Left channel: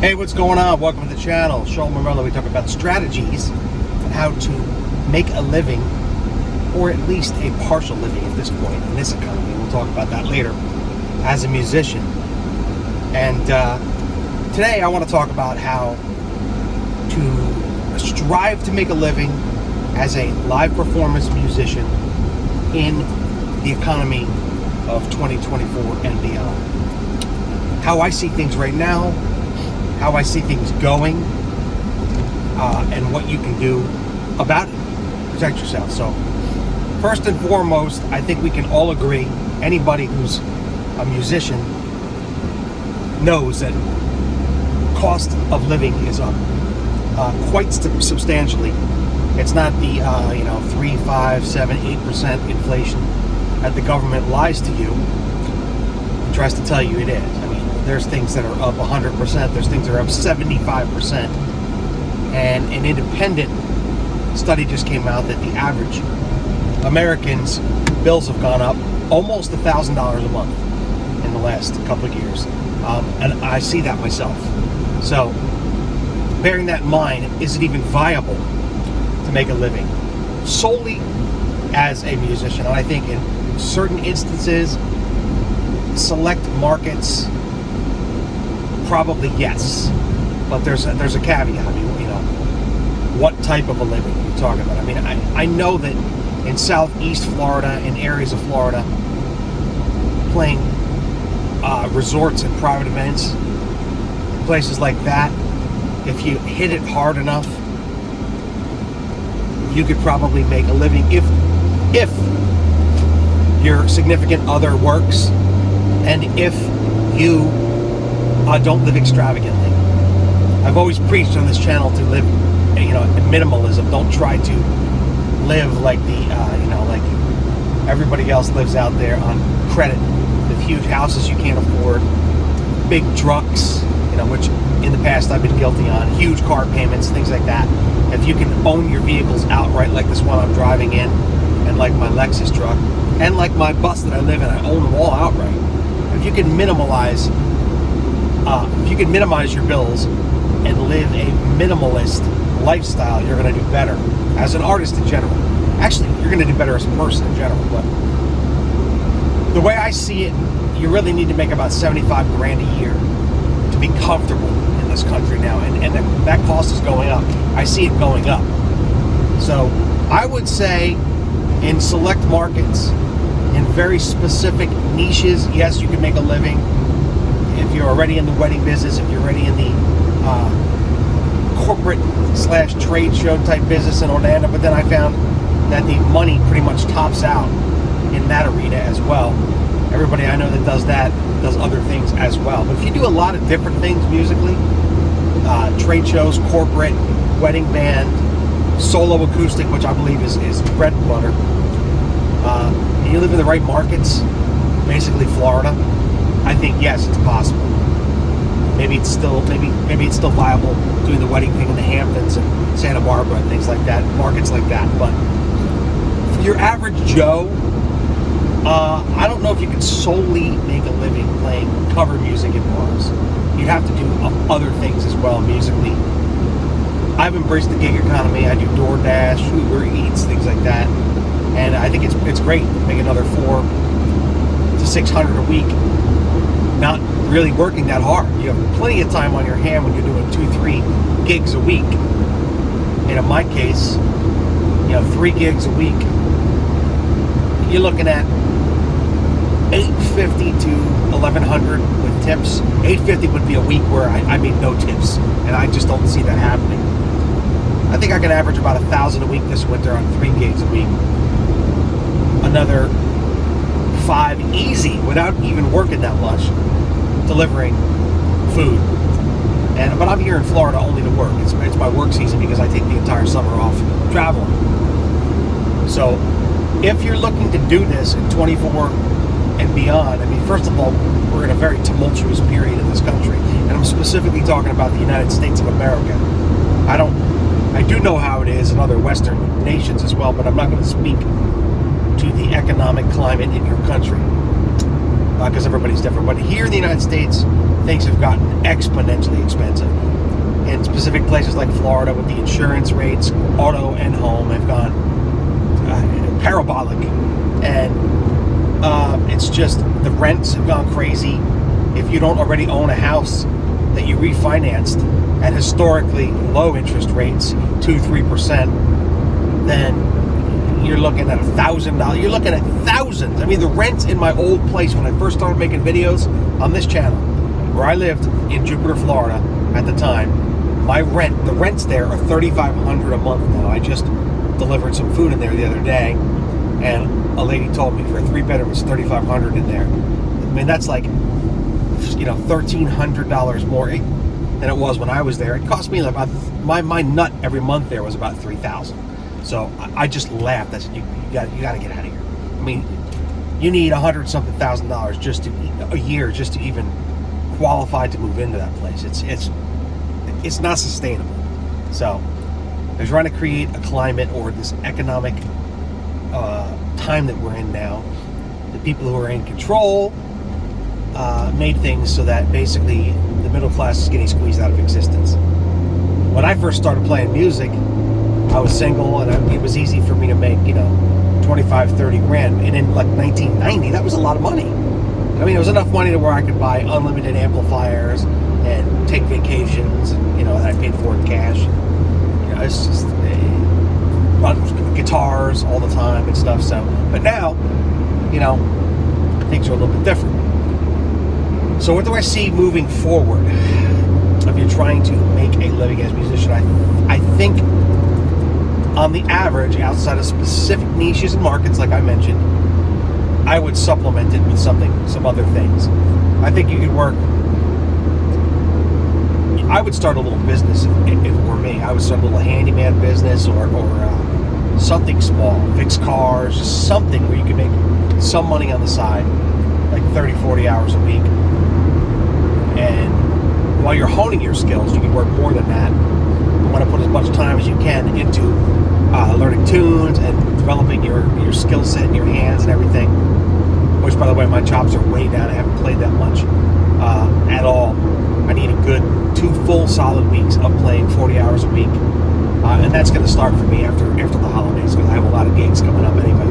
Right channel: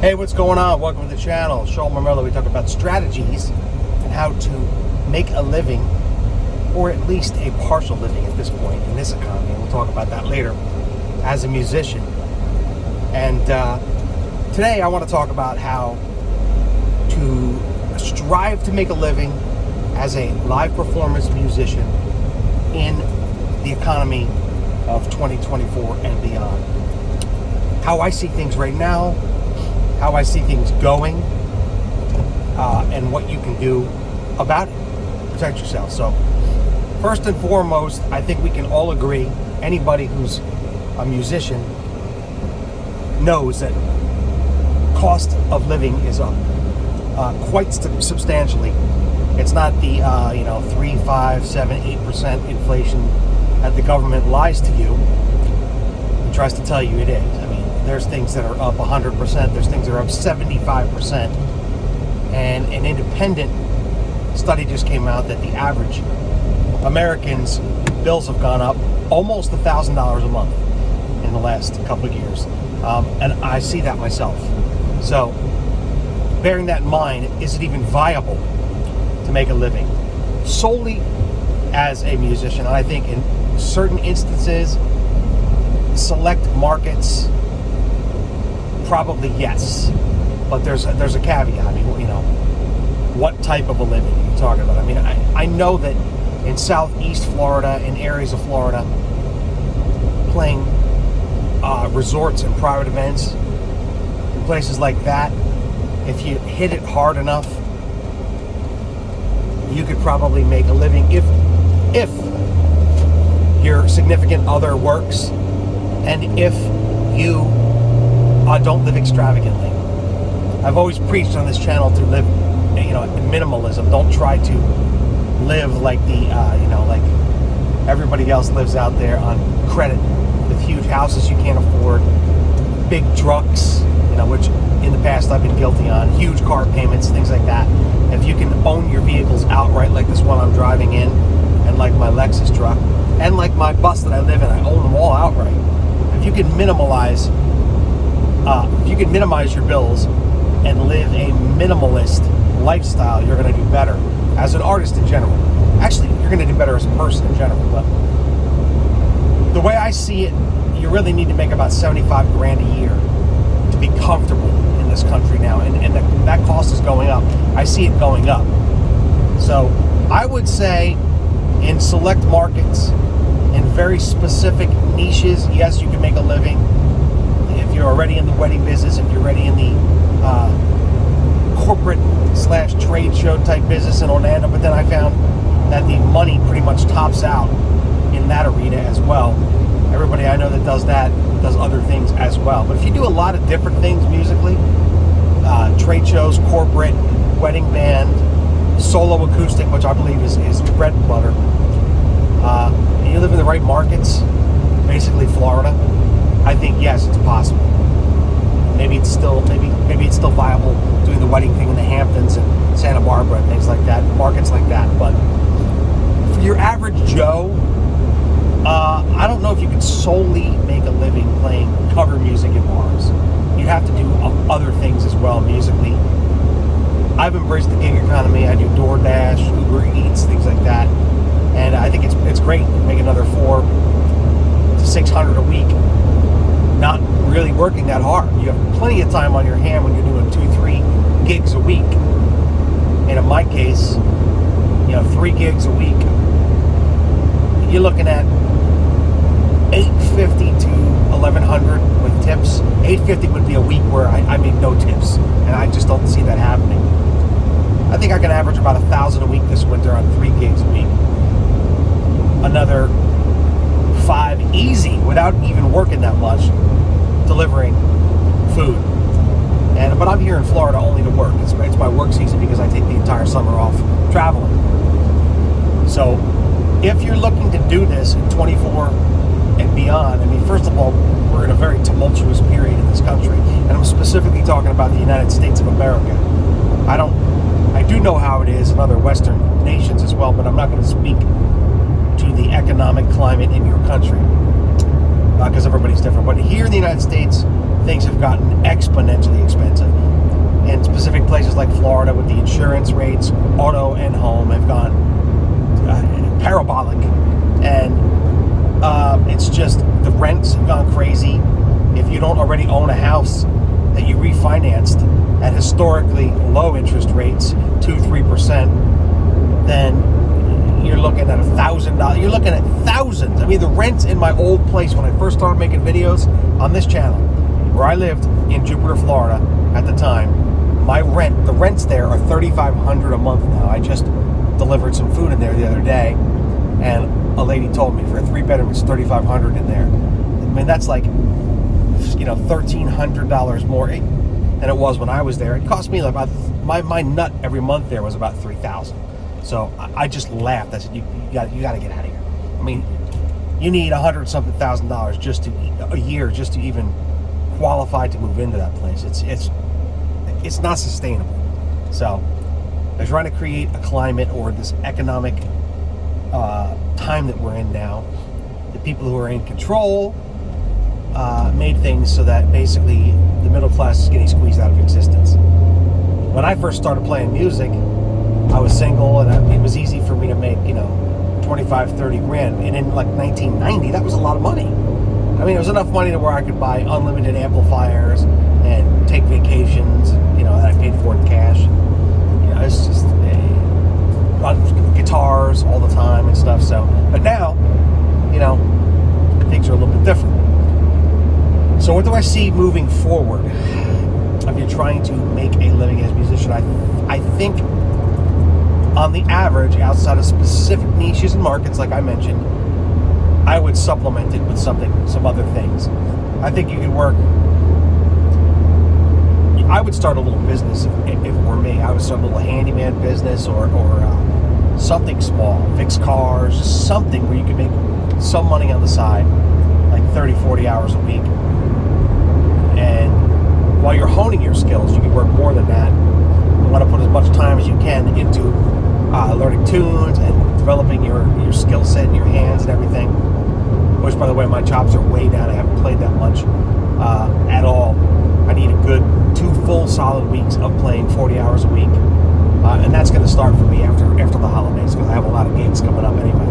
Hey, what's going on? Welcome to the channel. Mormelo. We talk about strategies and how to make a living, or at least a partial living at this point in this economy. And we'll talk about that later as a musician. And today I want to talk about how to strive to make a living as a live performance musician in the economy of 2024 and beyond. How I see things right now, how I see things going, and what you can do about it. Protect yourself. So, first and foremost, I think we can all agree, anybody who's a musician knows that cost of living is up quite substantially. It's not the 3, 5, 7, 8% inflation that the government lies to you and tries to tell you it is. I mean, there's things that are up 100%. There's things that are up 75%. And an independent study just came out that the average American's bills have gone up almost $1,000 a month in the last couple of years. And I see that myself. So, bearing that in mind, is it even viable to make a living solely as a musician? And I think in certain instances, select markets, probably yes, but there's a caveat. I mean, what type of a living are you talking about? I mean, I know that in southeast Florida, in areas of Florida, playing resorts and private events, in places like that, if you hit it hard enough, you could probably make a living if your significant other works and if you don't live extravagantly. I've always preached on this channel to live, in minimalism. Don't try to live like like everybody else lives out there on credit, with huge houses you can't afford, big trucks, which in the past I've been guilty on, huge car payments, things like that. If you can own your vehicles outright, like this one I'm driving in, and like my Lexus truck, and like my bus that I live in, I own them all outright. If you can minimize your bills and live a minimalist lifestyle, you're going to do better as an artist in general. Actually, you're going to do better as a person in general. But the way I see it, you really need to make about 75 grand a year to be comfortable in this country now, and that cost is going up. I see it going up. So I would say in select markets, in very specific niches, yes, you can make a living. If you're already in the wedding business, if you're already in the corporate/trade show type business in Orlando, but then I found that the money pretty much tops out in that arena as well. Everybody I know that does that does other things as well. But if you do a lot of different things musically, trade shows, corporate, wedding band, solo acoustic, which I believe is bread and butter, and you live in the right markets, basically Florida, I think yes, it's possible. Maybe it's still viable doing the wedding thing in the Hamptons and Santa Barbara and things like that, markets like that. But for your average Joe, I don't know if you can solely make a living playing cover music in bars. You have to do other things as well musically. I've embraced the gig economy. I do DoorDash, Uber Eats, things like that, and I think it's great. Make another $400 to $600 a week, not really working that hard. You have plenty of time on your hand when you're doing 2-3 gigs a week. And in my case, 3 gigs a week, you're looking at $850 to $1,100 with tips. $850 would be a week where I made no tips, and I just don't see that happening. I think I can average about $1,000 a week this winter on 3 gigs a week. Another 5 easy without even working that much, delivering food. But I'm here in Florida only to work. It's my work season because I take the entire summer off traveling. So if you're looking to do this in 24 and beyond, I mean, first of all, we're in a very tumultuous period in this country, and I'm specifically talking about the United States of America. I do know how it is in other Western nations as well, but I'm not going to speak to the economic climate in your country because everybody's different. But here in the United States, things have gotten exponentially expensive. In specific places like Florida, with the insurance rates, auto and home have gone parabolic, and it's just the rents have gone crazy. If you don't already own a house that you refinanced at historically low interest rates, 2-3%, then you're looking at $1,000. You're looking at thousands. I mean, the rent in my old place when I first started making videos on this channel, where I lived in Jupiter, Florida at the time, the rents there are $3,500 a month now. I just delivered some food in there the other day, and a lady told me for a 3-bedroom it's $3,500 in there. I mean, that's like, $1,300 more than it was when I was there. It cost me about my nut every month there was about $3,000. So I just laughed. I said, you got to get out of here. I mean, you need $100-something thousand a year just to even qualify to move into that place. It's not sustainable. So they're trying to create a climate, or this economic time that we're in now. The people who are in control made things so that basically the middle class is getting squeezed out of existence. When I first started playing music, I was single, and it was easy for me to make, $25-30 grand. And in like 1990, that was a lot of money. I mean, it was enough money to where I could buy unlimited amplifiers and take vacations, and that I paid for in cash. It's just guitars all the time and stuff. So, but now, things are a little bit different. So, what do I see moving forward? If you're trying to make a living as a musician, I think on the average, outside of specific niches and markets, like I mentioned, I would supplement it with some other things. I think you could work. I would start a little business if it were me. I would start a little handyman business or something small, fix cars, just something where you could make some money on the side, like 30-40 hours a week. And while you're honing your skills, you can work more than that. You want to put as much time as you can into learning tunes and developing your skill set and your hands and everything. Which, by the way, my chops are way down. I haven't played that much at all. I need a good 2 full solid weeks of playing 40 hours a week. And that's going to start for me after the holidays, because I have a lot of gigs coming up anyway.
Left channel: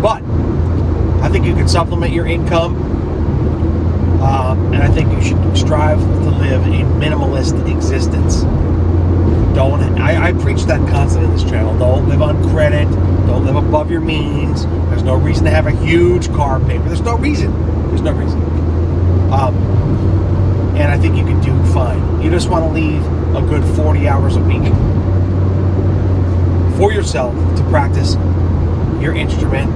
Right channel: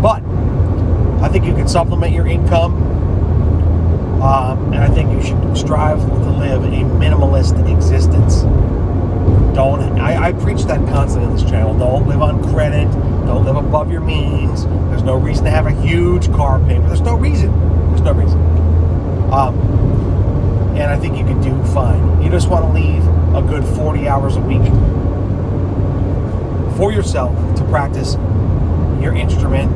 But I think you can supplement your income. And I think you should strive to live a minimalist existence. I preach that constantly in this channel. Don't live on credit. Don't live above your means. There's no reason to have a huge car payment. There's no reason. And I think you can do fine. You just want to leave a good 40 hours a week for yourself to practice your instrument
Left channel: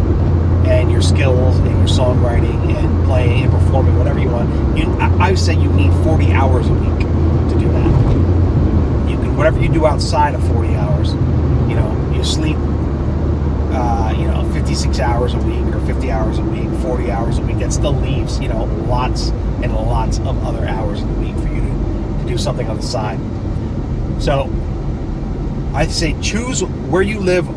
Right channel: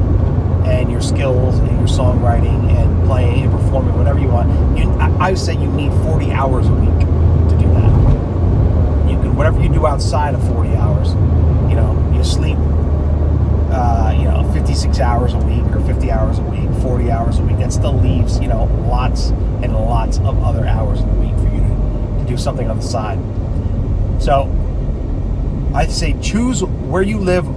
and your skills and your songwriting and playing and performing, whatever you want. I say you need 40 hours a week to do that. You can, whatever you do outside of 40 hours, you sleep 56 hours a week or 50 hours a week, 40 hours a week. That still leaves, lots and lots of other hours in the week for you to do something on the side. So I say choose where you live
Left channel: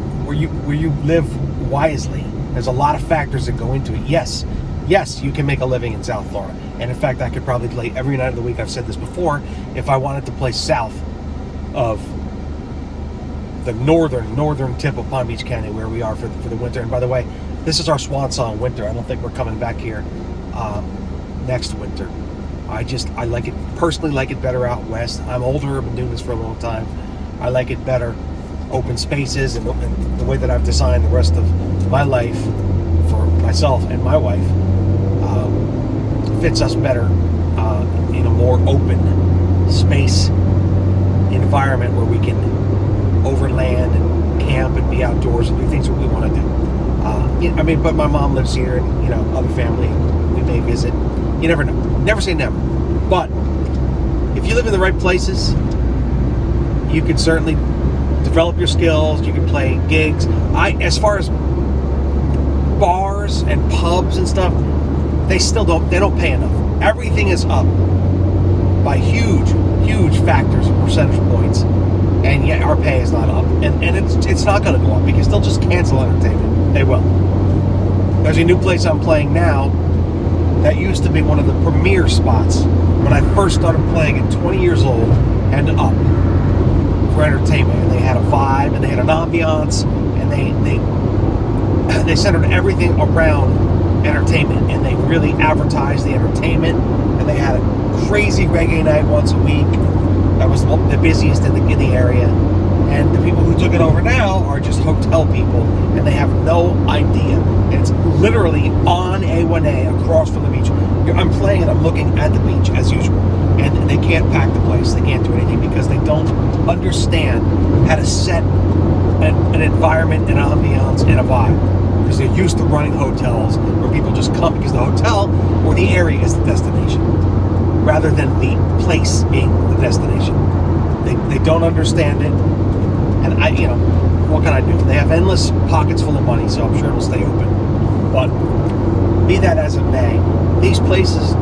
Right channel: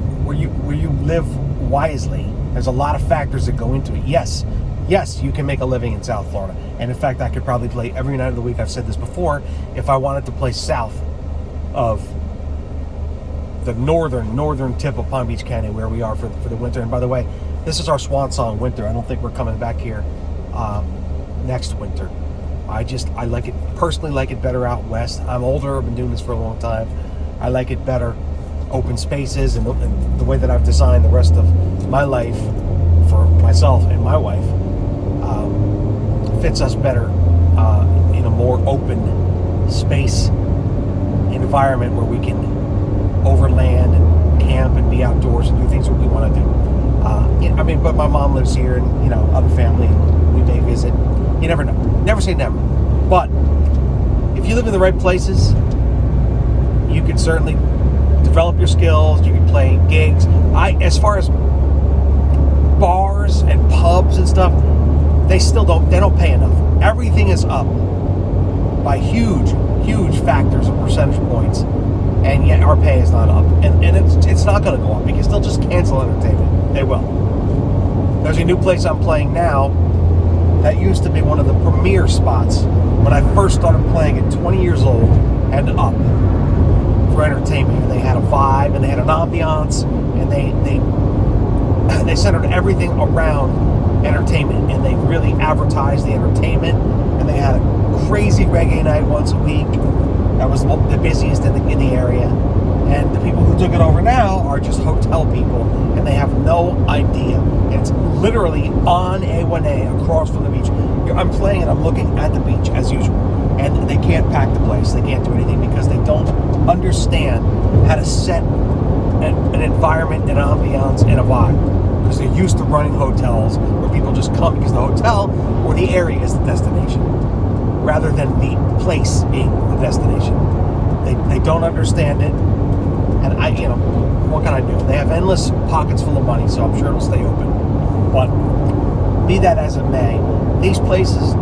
wisely. There's a lot of factors that go into it. Yes, you can make a living in South Florida. And in fact, I could probably play every night of the week. I've said this before. If I wanted to play south of the northern tip of Palm Beach County, where we are for the winter. And by the way, this is our swan song winter. I don't think we're coming back here next winter. I personally like it better out west. I'm older. I've been doing this for a long time. I like it better. Open spaces and the way that I've designed the rest of my life for myself and my wife fits us better in a more open space environment where we can overland and camp and be outdoors and do things that we want to do. But my mom lives here, and other family, we may visit. You never know. Never say never. But if you live in the right places, you can certainly develop your skills. You can play gigs. As far as bars and pubs and stuff, they don't pay enough. Everything is up by huge factors of percentage points, and yet our pay is not up, and it's not going to go up because they'll just cancel entertainment. They will. There's a new place I'm playing now that used to be one of the premier spots when I first started playing at 20 years old and up for entertainment. And they had a vibe and they had an ambiance, and they centered everything around entertainment, and they really advertised the entertainment, and they had a crazy reggae night once a week. That was the busiest in the area. And the people who took it over now are just hotel people, and they have no idea. And it's literally on A1A across from the beach. I'm playing and I'm looking at the beach as usual. And they can't pack the place. They can't do anything because they don't understand how to set an environment, an ambiance, and a vibe. Because they're used to running hotels where people just come because the hotel or the area is the destination, rather than the place being the destination. They don't understand it. And what can I do? They have endless pockets full of money, so I'm sure it'll stay open. But be that as it may, these places,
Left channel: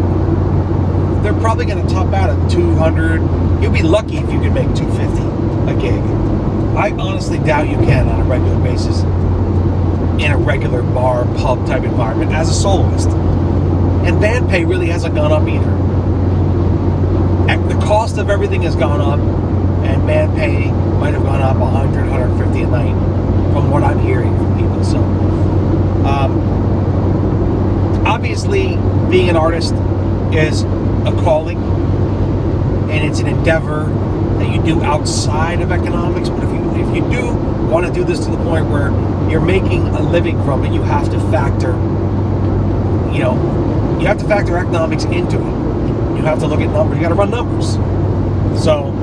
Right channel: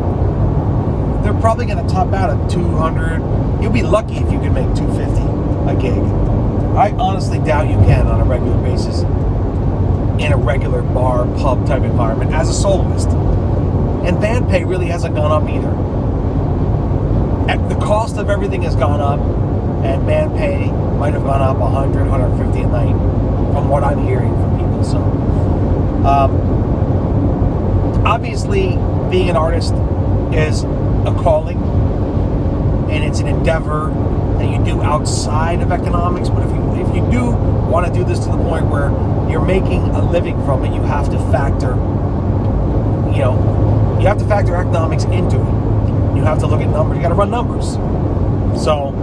they're probably going to top out at 200. You'll be lucky if you can make 250 a gig. I honestly doubt you can on a regular basis in a regular bar, pub type environment as a soloist. And band pay really hasn't gone up either. The cost of everything has gone up, and band pay might have gone up 100, 150 a night from what I'm hearing from people. So, obviously, being an artist is a calling, and it's an endeavor that you do outside of economics. But if you do want to do this to the point where you're making a living from it, you have to factor, economics into it. You have to look at numbers. You got to run numbers. So,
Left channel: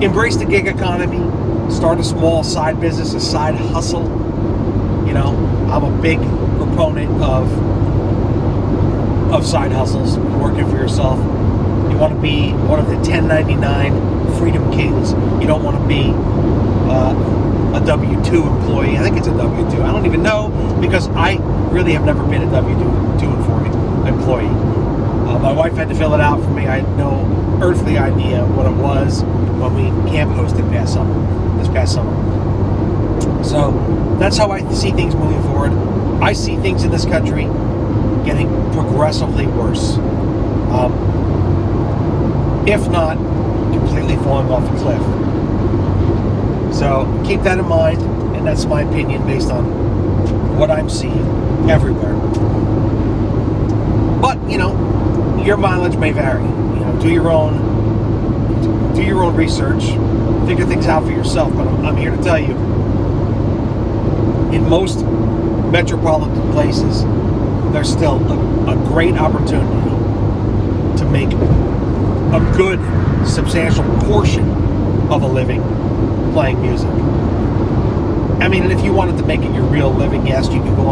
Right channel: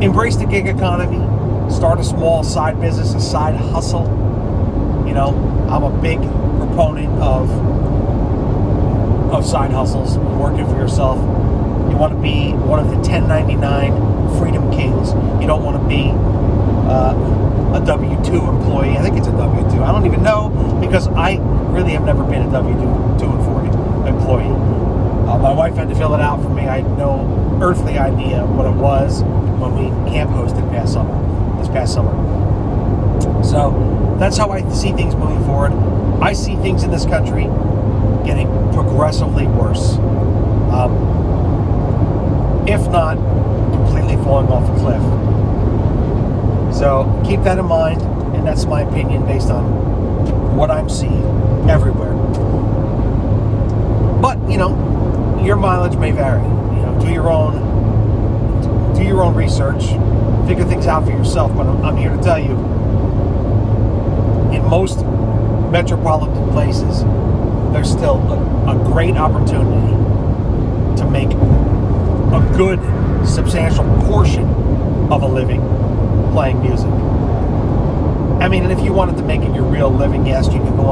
embrace the gig economy. Start a small side business, a side hustle. I'm a big proponent of side hustles, working for yourself. You want to be one of the 1099 freedom kings. You don't want to be a W-2 employee. I think it's a W-2. I don't even know, because I really have never been a W-2 employee. My wife had to fill it out for me. I had no earthly idea what it was when we camp hosted this past summer. So that's how I see things moving forward. I see things in this country getting progressively worse. If not completely falling off a cliff. So keep that in mind, and that's my opinion based on what I'm seeing everywhere. But, your mileage may vary. Do your own research, figure things out for yourself. But I'm here to tell you, in most metropolitan places, there's still a great opportunity to make a good, substantial portion of a living playing music. I mean, if you wanted to make it your real living, yes, you can go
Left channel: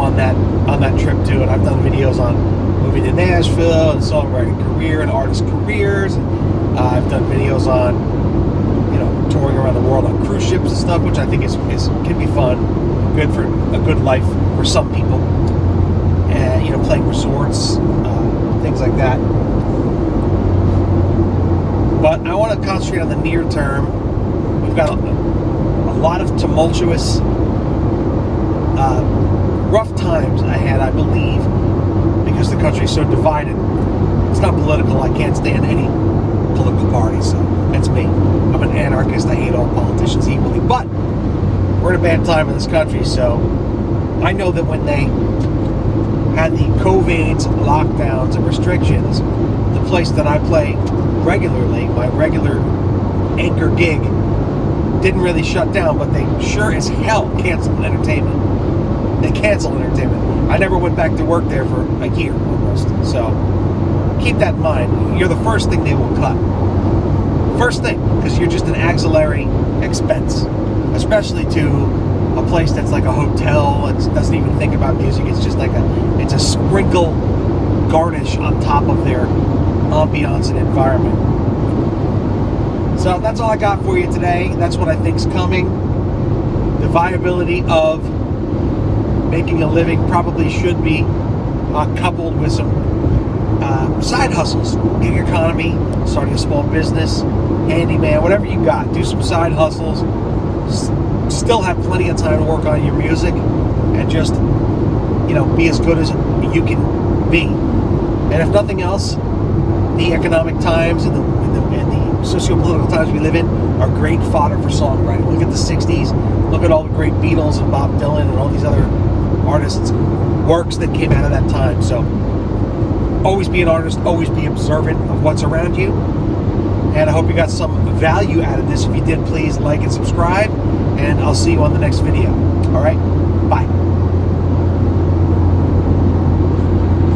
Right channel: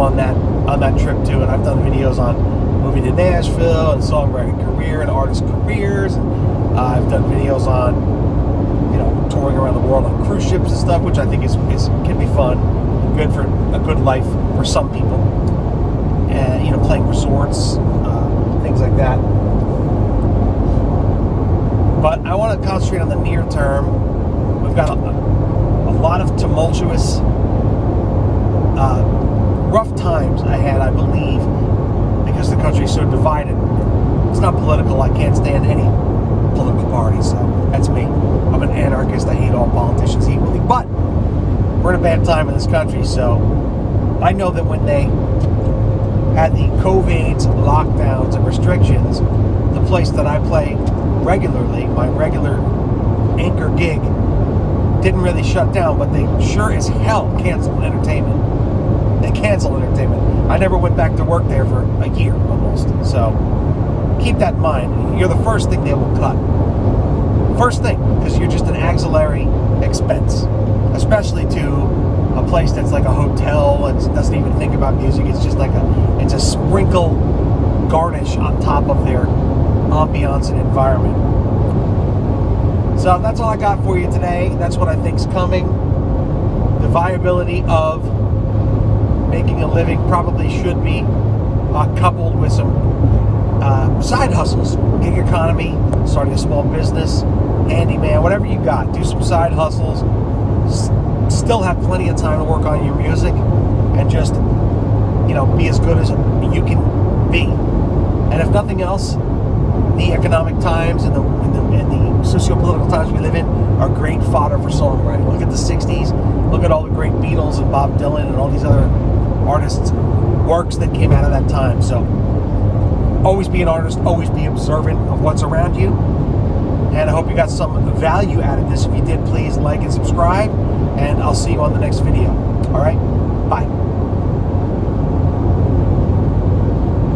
on that trip too. And I've done videos on moving to Nashville and songwriting career and artist careers. And I've done videos on touring around the world on cruise ships and stuff, which I think can be fun, good for a good life for some people. And playing resorts, things like that. But I want to concentrate on the near term. We've got a lot of tumultuous, rough times ahead, I believe, because the country is so divided. It's not political. I can't stand any political party, so that's me. I'm an anarchist. I hate all politicians equally. But we're in a bad time in this country, so I know that when they had the COVID lockdowns and restrictions, the place that I play regularly, my regular anchor gig, didn't really shut down, but they sure as hell canceled entertainment. They canceled entertainment. I never went back to work there for a year almost. So keep that in mind. You're the first thing they will cut. First thing, because you're just an auxiliary expense, especially to a place that's like a hotel and doesn't even think about music. It's just like it's a sprinkle garnish on top of their ambiance and environment. So that's all I got for you today. That's what I think's coming. The viability of making a living probably should be coupled with some side hustles, gig economy, starting a small business, handyman, whatever you got. Do some side hustles. Still have plenty of time to work on your music, and just be as good as you can be. And if nothing else, the economic times and the socio-political times we live in are great fodder for songwriting. Look at the 60s. Look at all the great Beatles and Bob Dylan and all these other artists' works that came out of that time. So always be an artist. Always be observant of what's around you. And I hope you got some value out of this. If you did, please like and subscribe. And I'll see you on the next video. All right?